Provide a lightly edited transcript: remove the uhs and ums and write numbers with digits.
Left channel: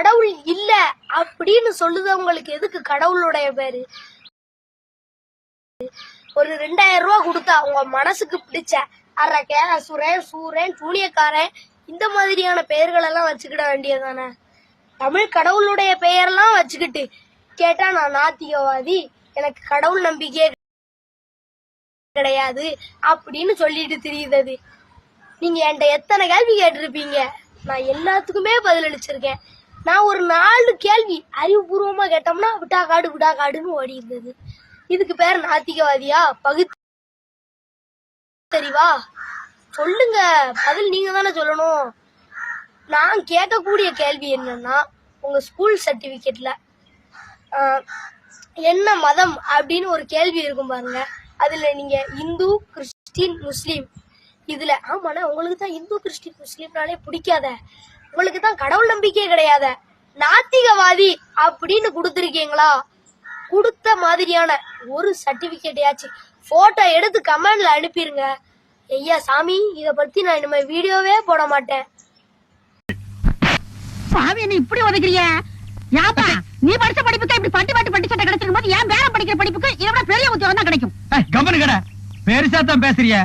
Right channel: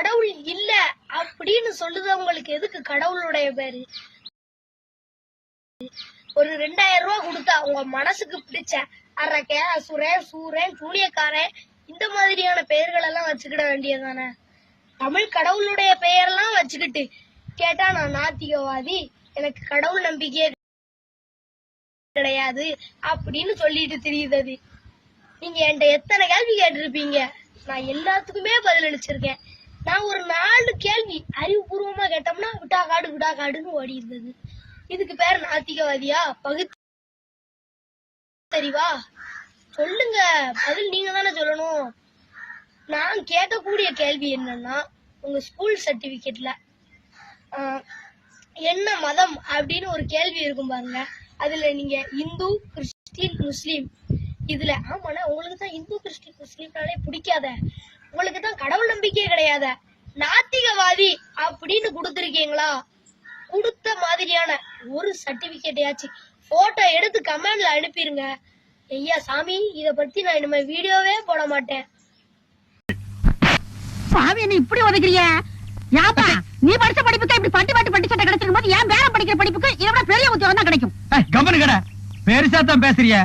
கடவுள் இல்ல அப்படின்னு சொல்லுதவங்களுக்கு எதுக்கு கடவுளுடைய பேரு? ஒரு 2000 ரூபாய் கொடுத்தா உங்க மனசுக்கு பிடிச்ச அரக்க, அசுரன், சூரன், சூனியக்காரன் இந்த மாதிரியான பெயர்கள் எல்லாம் வச்சுக்கிட வேண்டியதானே? தமிழ் கடவுளுடைய பெயரெல்லாம் வச்சுக்கிட்டு கேட்டா நான் நாத்திகவாதி, எனக்கு கடவுள் நம்பிக்கையே கிடையாது அப்படின்னு சொல்லிட்டு தெரியுது. நீங்க என்கிட்ட எத்தனை கேள்வி கேட்டிருப்பீங்க, நான் எல்லாத்துக்குமே பதில் அளிச்சிருக்கேன். நான் ஒரு 4 கேள்வி அறிவுபூர்வமா கேட்டோம்னா விட்டா காடுன்னு ஓடி இருந்தது. இதுக்கு பேர் நாத்திகவாதியா? பகுத்தறிவா? சொல்லுங்க, பதில் நீங்க தானே சொல்லணும். நான் கேட்கக்கூடிய கேள்வி என்னன்னா, உங்க ஸ்கூல் சர்டிபிகேட்ல என்ன மதம் அப்படின்னு ஒரு கேள்வி இருக்கும் பாருங்க. அதுல நீங்க இந்து, கிறிஸ்டின், முஸ்லீம் இதுல ஆமாண்ணா உங்களுக்கு தான் இந்து, கிறிஸ்டின், முஸ்லீம்னாலே பிடிக்காத, உங்களுக்கு தான் கடவுள் நம்பிக்கையே கிடையாத, நாத்திகவாதி அப்படின்னு கொடுத்திருக்கீங்களா? கொடுத்த மாதிரியான ஒரு சர்டிபிகேட்யாச்சு போட்டோ எடுத்து கமெண்ட்ல அனுப்பிருங்க. ஐயா சாமி, இத பத்தி நான் இனிமே வீடியோவே போட மாட்டேன். சாமி என்ன இப்படி உதைக்கிறிய? யாப்பா நீ படிச்ச படிப்புக்கு இப்படி பட்டி சட்டை கிடைச்சிருக்கும் போது ஏன் வேற படிக்கிற படிப்புக்கு இதை விட பெரிய உத்தியோகம் தான் கிடைக்கும். கம்பெனி கடை பெருசா தான் பேசுறிய.